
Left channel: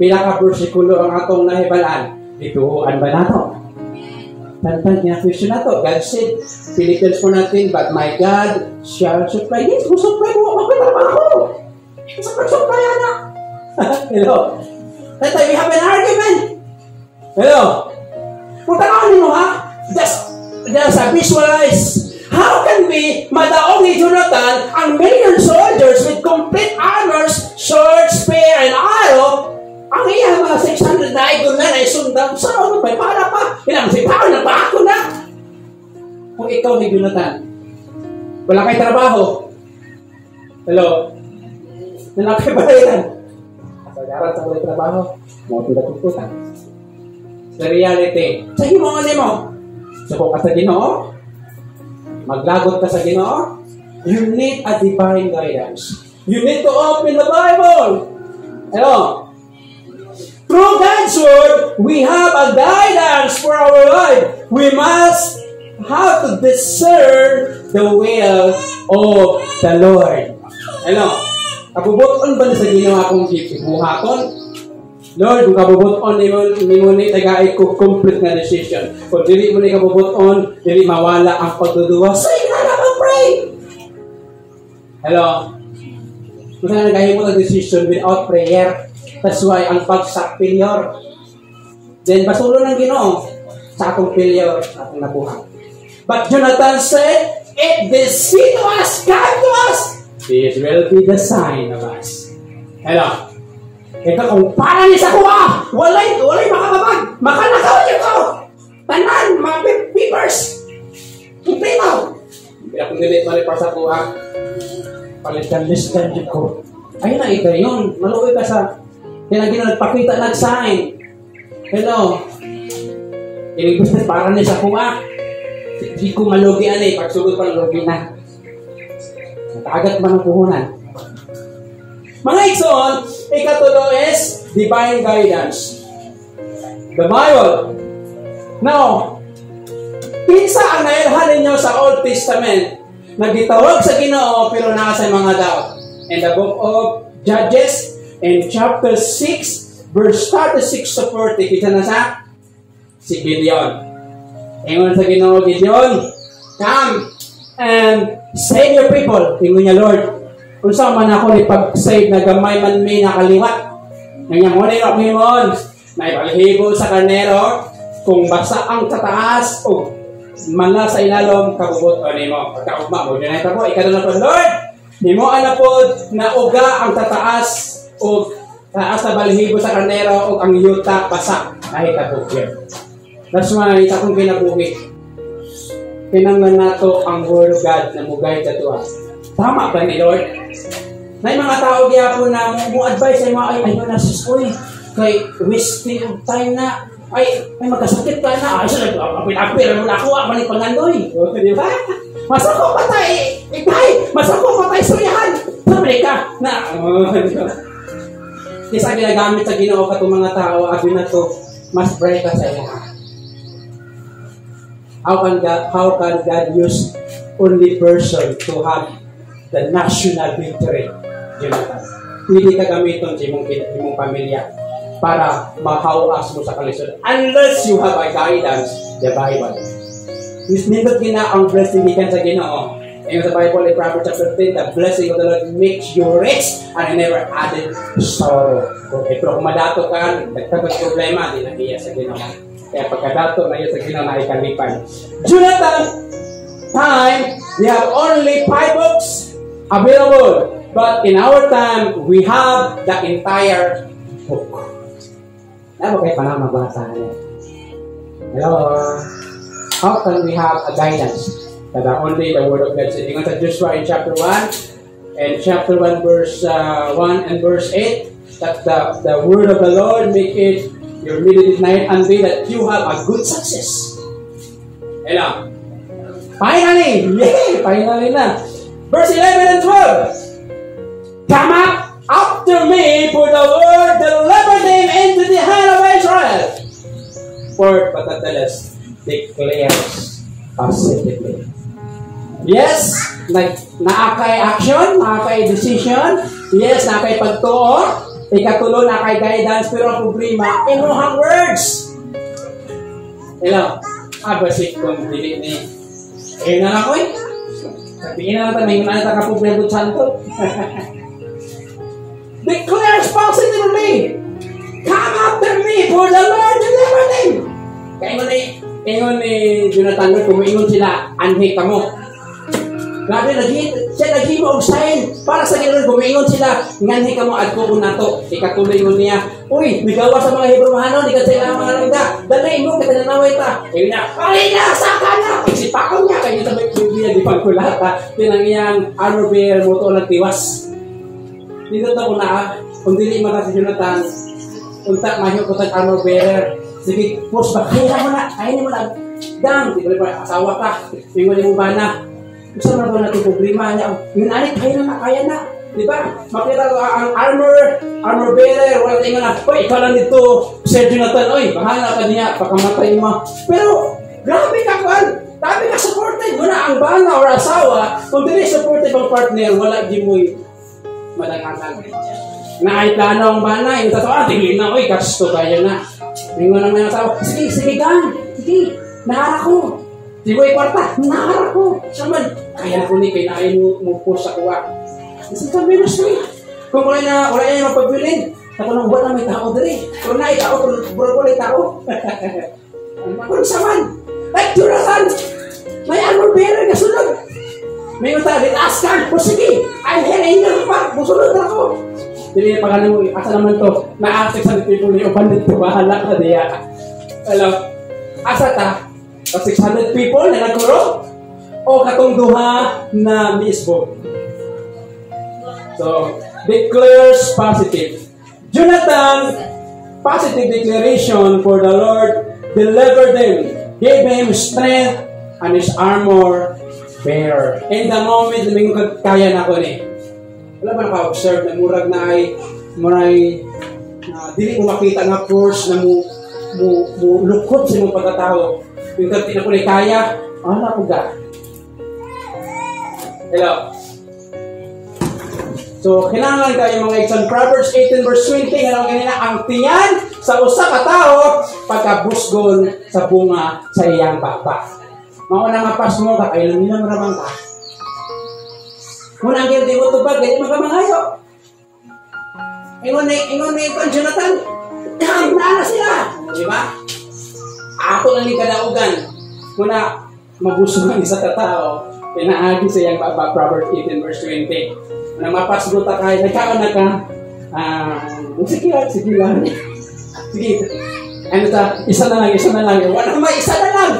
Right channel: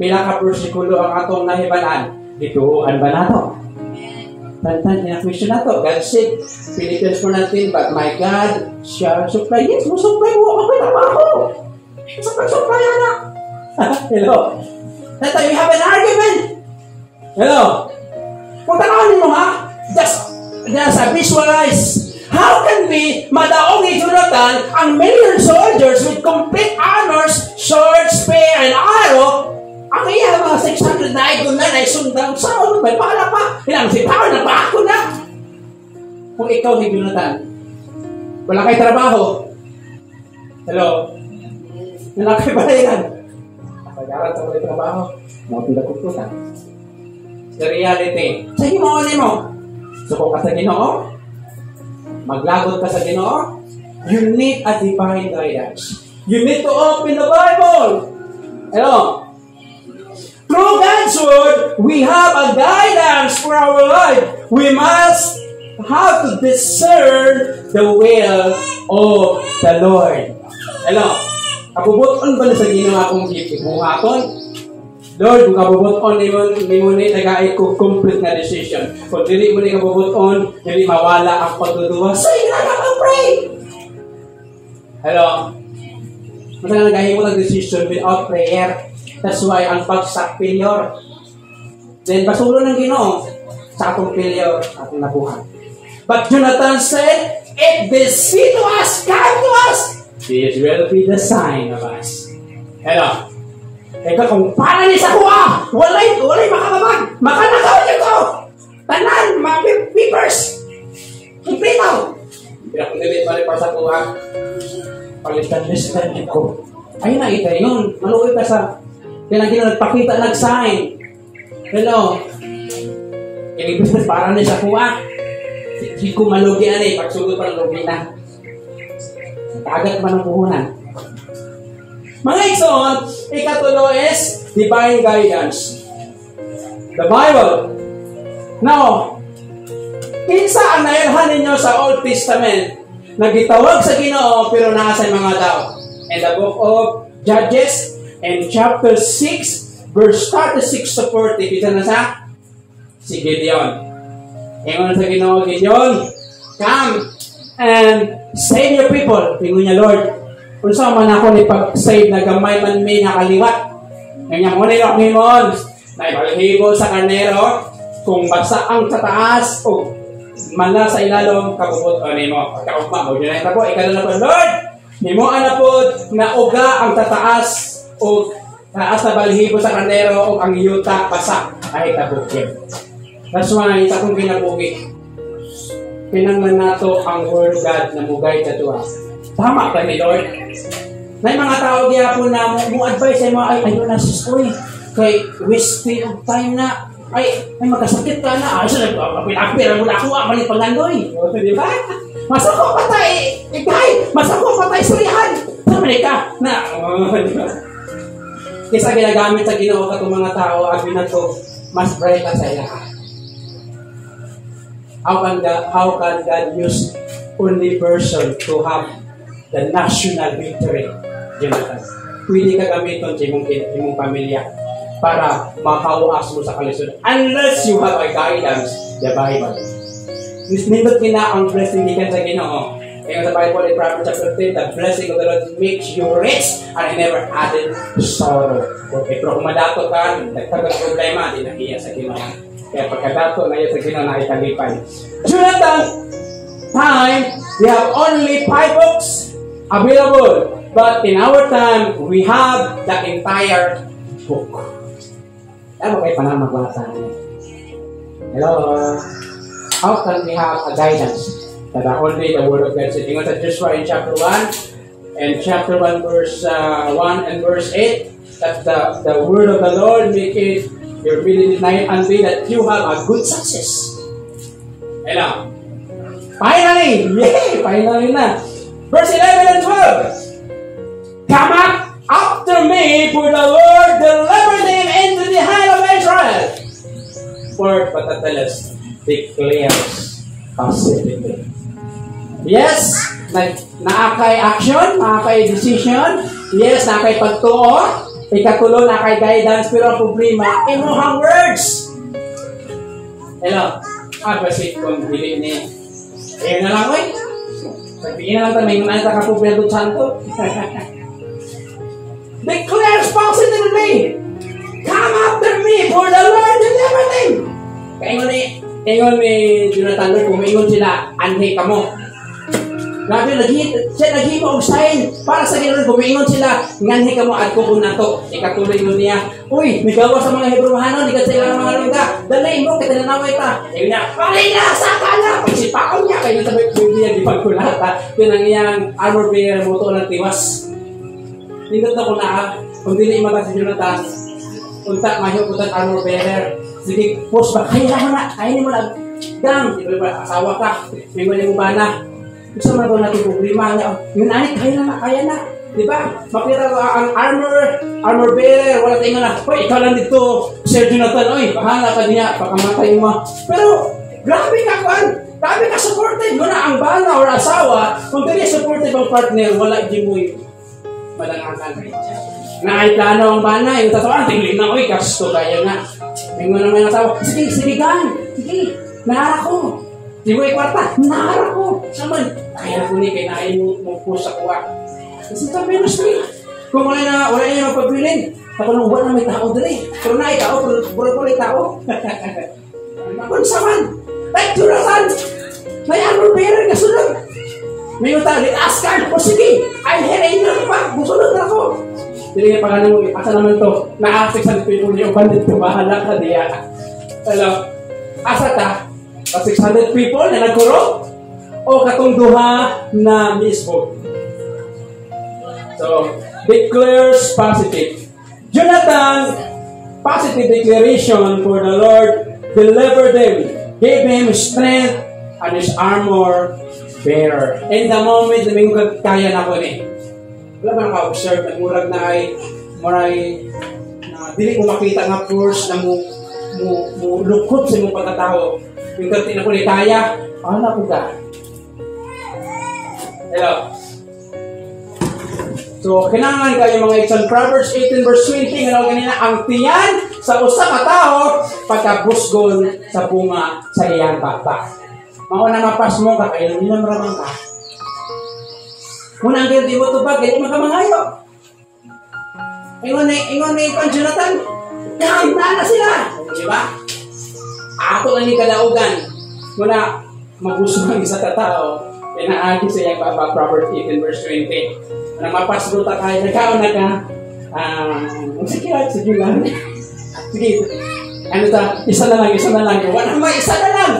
pila ka persikulo ang atong nahibalaan. Dituhuan ba nato? Tantan, kina-question nato. God said, Philippians 4 natin, but my God shall supply. Yes, supply mo ako trabaho. Supply na. Hello. That's why we have an argument. Hello. Kung tanawin mo ha, just visualize. How can we madaog ni Jonathan ang million soldiers with complete armors, sword, spear, and arrow? Ang iya mga 600 na idol na naisundang sa ano ba? Para pa. Ilang sipawan na pa ako na. Kung ikaw ni Jonathan, wala kay trabaho. Hello? Wala kay bayaran. Pag-aral sa wala trabaho, mga pinagkututan. The reality, sa himongan mo, suko ka sa Ginoo, maglagot ka sa Ginoo, you need a divine guidance. You need to open the Bible. Hello? Through God's word, we have a guidance for our life. We must have to discern the will of the Lord. Hello? Kabubuton ba na sa Ginoo akong gibuhaton? Lord, kung kabubuton ni mo ni tagay ko complete nga decision. Kung dili mo ni kabubuton, dili mawala ang pagduduwa. So, yun na pray. Hello? Kung saan nagahimo ng decision without prayer, that's why ang pagsak failure. Then, basulo ng Ginoo sa akong failure, akong nabuhat. But Jonathan said, if they see to us, come to us, this will be the sign of us. Hello? Eka kung para ni sa kuha, walay makakabag, makanakaw niyo ko. Tanan, mga papers. Impritaw. Kaya kung dili balik pa sa kuha, palitan-listan ko. Ay na, ito yun. Maluwi ka sa pinagin nagpakita nag-sign. Hello. Ini business para na sa kuha. Hindi ko malugi ani. Pagsugod pa malugi na. Nakagat ba ng puhunan? Mga igsoon, ikatulo is divine guidance. The Bible. Now, kinsa ang nailhan ninyo sa Old Testament na gitawag sa Ginoo pero nasa mga tao? In the book of Judges, in chapter 6, verse 36 to 40, kita na sa si Gideon. Ingon sa Ginoo, Gideon, come and save your people. Ingon niya, Lord, kung saan man ako ipag-save na gamay man may nakaliwat. Ngayon, muna yung akimon, na ipalhibo sa karnero, kung basa ang tataas o mala sa ilalong kabubot o nimo. Pagkaugma mo, dyan ay tabo, ikaw na Lord, nimo na po na uga ang tataas o taas na balhibo sa karnero o ang yuta basa ay tabukir. That's why, isa kong kinabuhi. Pinanglan nato ang word of God na mugay sa tuwa. Tama ba ni Lord? May mga tao diya po na mo-advise ay mga ayun na sis, uy, kay wasting of time na, ay magkasakit ka na, ay siya nag-apir mo na ako, ako ni Pangandoy. O, di ba? Masa ko patay, ikay, masa ko patay surihan. Sabi ka, na, di ba? Kesa ginagamit sa Ginoo ka itong mga tao, abi na to, mas bright ka sa ilaha. How can God use only person to have the national victory? Jonathan, pwede ka gamiton sa imong pamilya para mahawas mo sa kalisod. Unless you have a guidance, the Bible. Nindot gina ang blessing ikan sa Ginoo. Ngayon sa Bible in Proverbs chapter 10, the blessing of the Lord makes you rich and never added sorrow. Okay, pero kung madato ka, nagtagag problema, di nahiya sa Ginoo. Kaya pagkadato na yun sa Ginoo na ikalipay. Jonathan, time, we have only 5 books available. But in our time, we have the entire book. Ano kayo pa na magbasa niya? Hello? How can we have a guidance that only the Word of God said? Ingon sa Joshua in chapter 1 and chapter 1 verse 1 and verse 8 that the Word of the Lord make it your midnight night and day that you have a good success. Hello? Finally! Yeah! Finally na! Verse 11 and 12. Come up after me, for the Lord delivered him into the hand of Israel. For Patateles declares positively. Yes, naakay action, naakay decision. Yes, naakay pagtuo. Ikatulo, naakay guidance. Pero ang problema, inuhang words. Hello? Basit kong dili ni. Na lang, oy. Sabihin na natin, may ngunay ka problema doon santo. Declares positively, come after me, for the Lord delivered him. Ingon ni Jonathan, kumingon sila, anhi ka mo. Grabe, siya naghibo og sign para sa Ginoo, kumingon sila, nganhi ka mo at kuko na to. Ikatuloy mo niya, uy, migawa sa mga Hebrew-hano, di ka sila mga lingga, dali mo, katinanaway ta. Ingon niya, palina, saka na. Pagsipakaw niya, kayo sa Biblia, di pagkulata. Pinang iyang armor bearer mo to nagtiwas. Nindot ako na, kung dili mata si Jonathan, untak mahiyo ko tag armor bearer. Sige, post ba? Kaya mo na, kainin mo na. Dang, di ba asawa ka, mingon mo ba na? Gusto mo na natin problema niya. Yun ay, kaya na. Di ba? Makita ko ang armor bearer, wala tingnan na, hoy, ikaw lang dito, Sir Jonathan, oy, bahala ka niya, pakamatay mo. Pero, grabe ka, Juan. Grabe ka supported mo na ang bana or asawa. Kung dili supported ang partner, wala di mo malanganan. Na ay plano ang bana, yung tatawa, tingin na, uy, kasto kayo na. Mingo naman ang asawa, sige, gan, sige, naara ko. Di mo ikwarta, naara ko. Saman, kaya ko ni, kinain mo po sa kuwa. Kasi sabi na siya, kung wala niya magpabilin, katulong na may tao dali. Kung na ikaw, puro ko tao. Kung saman, like Jonathan, may armor bearer ka sunod. May utang, litaas ka. O sige, ay hirain na pa. Busunod na ako. Dili na pagkanan mo, asa naman to, na-affect sa people niyo, bandit ko, bahala ka diya. Hello, asa ta? O 600 people na nagkuro? o katong duha na misbo. So, declares positive. Jonathan, positive declaration for the Lord delivered him, gave him strength and his armor bearer. In the moment, kaya na ko ni. Wala ba naka-observe na murag na ay dili ko makita nga force na mo lukot sa mong pagkatao. Yung kapti na ko ni kaya, na po ka. Hello. So, kailangan kayo mga exam. Proverbs 18 verse 20, ano ganina, ang tiyan sa usa ka tao pagkabusgon sa bunga sa iyang baba. Mauna mapas mo ka, kailan nilang maramang ka. Kung ang di mo tubag, hindi makamangayo. Ingon ni Jonathan, na sila. Di ba? Ako lang ni kadaugan. Muna, mabusog ang isa ka tao, pinaagi sa iyang baba, Proverbs 18 verse 20. Nang mapasgo ta kayo, nagkaon na ka, sige lang. Sige, isa na lang. Wala mo, isa na lang.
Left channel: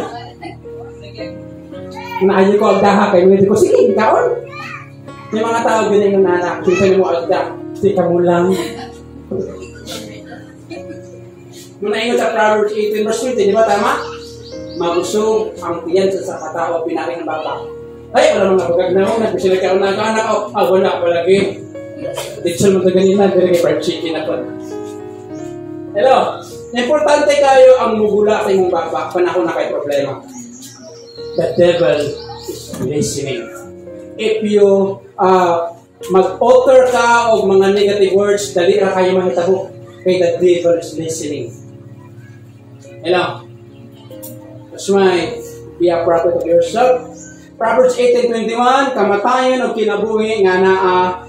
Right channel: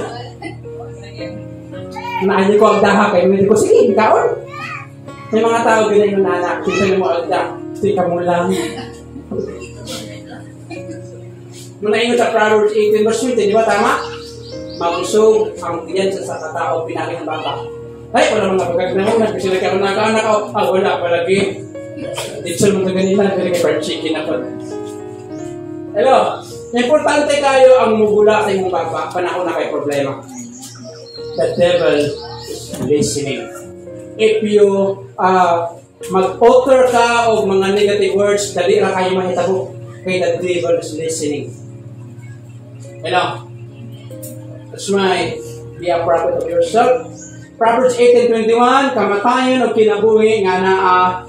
Naanin ko ang daha kayo, hindi ko, sige, nagkaon. May mga tao ganyan yung nanak, kita mo agda, sige mo lang. Muna inyo sa Proverbs 18 verse 20, di ba tama? Mabusog ang tiyan sa katao, pinakin ng baba. Ay, wala mga pagkagnaon, nagpasila ka ng anak ko. Wala palagi. Dito mo na ganina, dito kay fried chicken ako. Hello, importante kayo ang mugula sa imong baba, panahon na kay problema. The devil is listening. If you mag-utter ka o mga negative words, dali ra kayo mahitabo. Kay the devil is listening. Hello? That's why, be a prophet of yourself. Proverbs 18:21, kamatayan o kinabuhi nga naa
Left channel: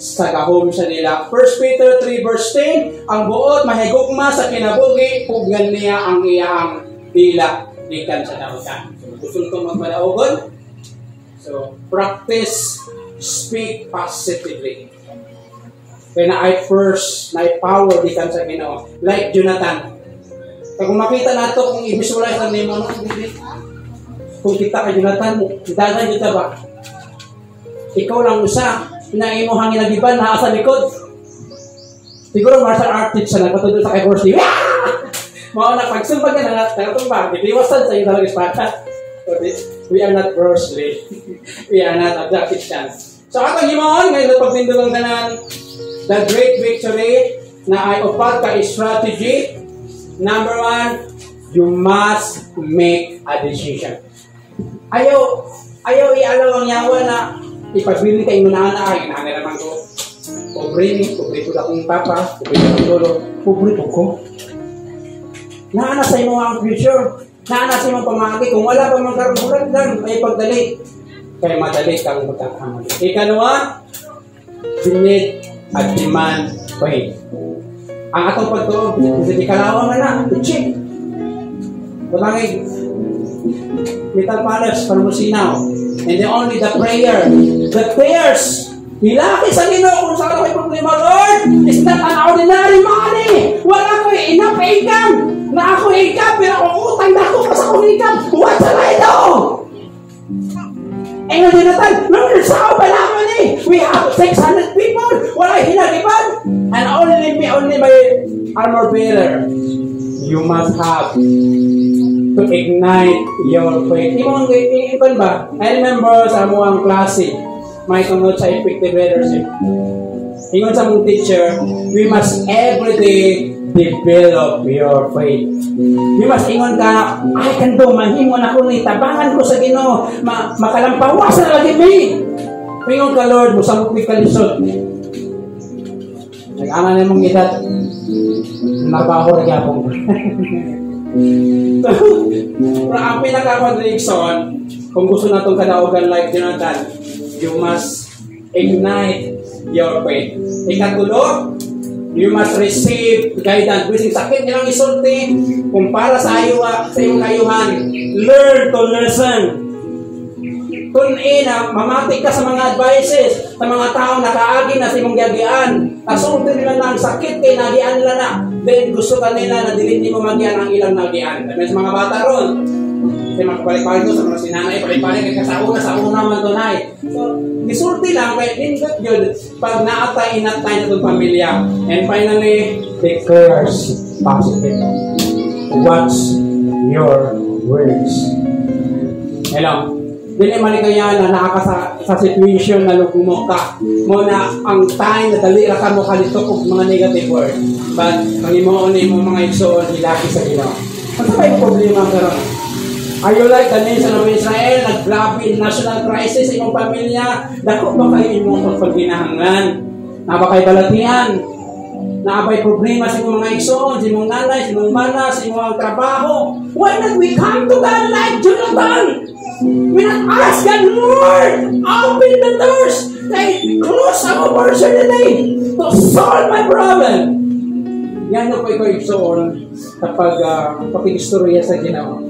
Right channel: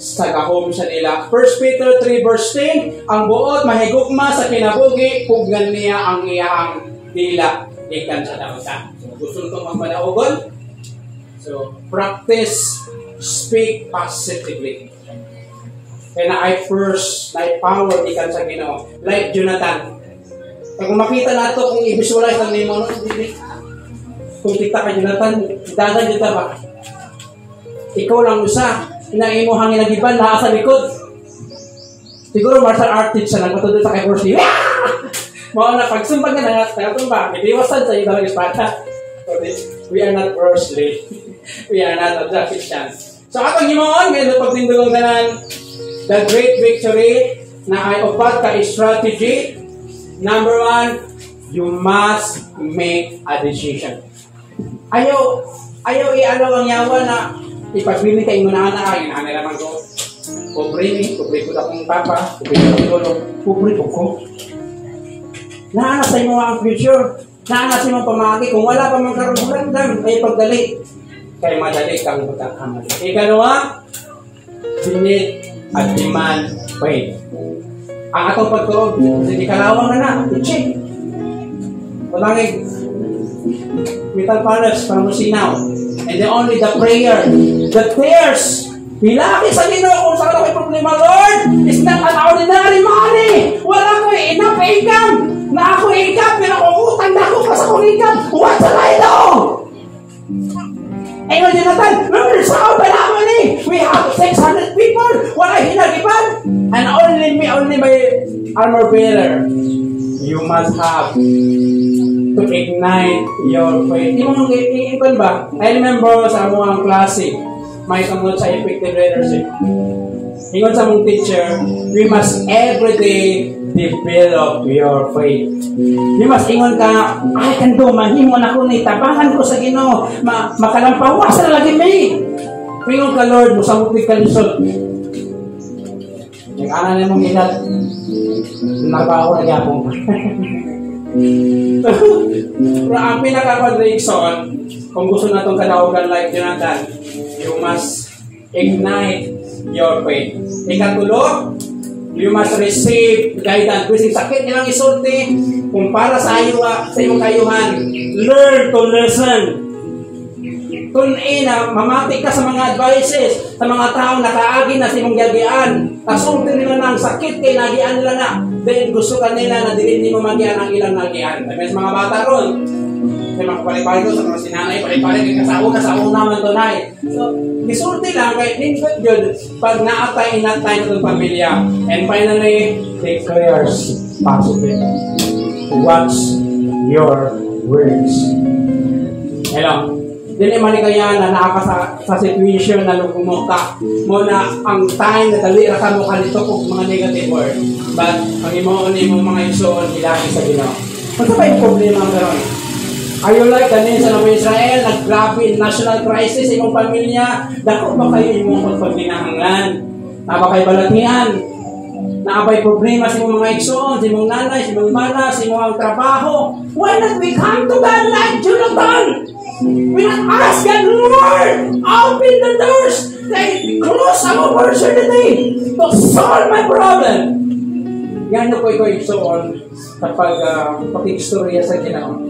sa gahom sa nila. 1 Peter 3 verse 10, ang buot mahigugma sa kinabuhi, pugnan niya ang iyang dila, ikan sa dautan. So, gusto itong magpadaogon. So, practice, speak positively. Kaya na ay first, na power ikan sa Ginoo. Like Jonathan. Kung makita nato, kung i-visualize ang name mo, kung kita ka Jonathan, dagan dito ba? Ikaw lang usa, inain mo hangin nagiban, nasa likod. Siguro martial artist siya, nagpatulog sa kay Horsley. Mga na, pagsumbag na nakatumba, ipiwasan sa iyo talaga espada. We are not Horsley. We are not Christians. So, atong himoon, ngayon pagtindulong tanan, the great victory na ay upat ka strategy. Number 1, you must make a decision. Ayaw i-alaw ang yawa na ipabili kayo na ay nanay naman ko. Pobre ko na kong papa, pobre ko ng lolo, pobre ko. Naana sa imo ang future, naana sa imo pamagi, kung wala pa magkaroon lang, ay pagdali. Kaya madali kang magkakamali. Ikalawa, binit at demand faith. Ang atong pagtuog, hindi kalawang na i-check. Kulangin, metal palace, pamusinaw. And then only the prayer, the tears, hilaki sa Ginoo kung saan may problema, Lord, it's not an ordinary money. Wala ko enough income. Na ako income, pero kung utang na ako sa akong income, what shall I do? Engel Jonathan, remember sa open naman eh. We have 600 people. Wala hinagipan. And only by armor bearer, you must have to ignite your faith. Yung ikon ba? I remember sa mga klase, may tunod sa effective leadership. Ingon sa mong teacher, we must everyday develop your faith. You must ingon ka, I can do, mahimo na ko ni, tabangan ko sa Ginoo, makalampawas na lagi may. Ingon ka, Lord, musamot ni kalisod. Nag-ana na mong edad, nabaho na yapong. Pero ang pinaka-reason, kung gusto natong kadaugan like Jonathan, you must ignite your faith. Ikatulo, you must receive guidance. Bising sakit nilang isulti, kung para sa iyong kayuhan, learn to listen. Kung mamati ka sa mga advices, sa mga taong nakaagi na sa imong gagian, asulti nila ng sakit kay nagian nila na, then gusto ka nila na dilin mo magian ang ilang nagian. Dahil sa mga bata ron, Kasi magpalik-palik ko sa mga sinanay, palik-palik kay kasauna sa una man to nay. So, gisulti lang kay nindot yun pag naatay inatay na itong pamilya. And finally, declares positive. Watch your words. Hello. Dili man kaya na nakaka sa situation na lugumok mo na ang time na dali ra ka mo kanito og mga negative word. But ang imong mga igsoon gilaki sa Ginoo. Ano ba yung problema karon? Are you like the nation of Israel? Naggrabe national crisis sa imong pamilya. Dako ba kayo imong pagpaginahangan? Napakay balatian. Naabay problema sa imong mga igsoon, sa imong nanay, sa imong mana, sa imong trabaho. Why not we come to God like Jonathan? We not ask God, Lord, open the doors. Like, close our opportunity to solve my problem. Yan ko ikaw igsoon kapag pag-istorya sa Ginoo.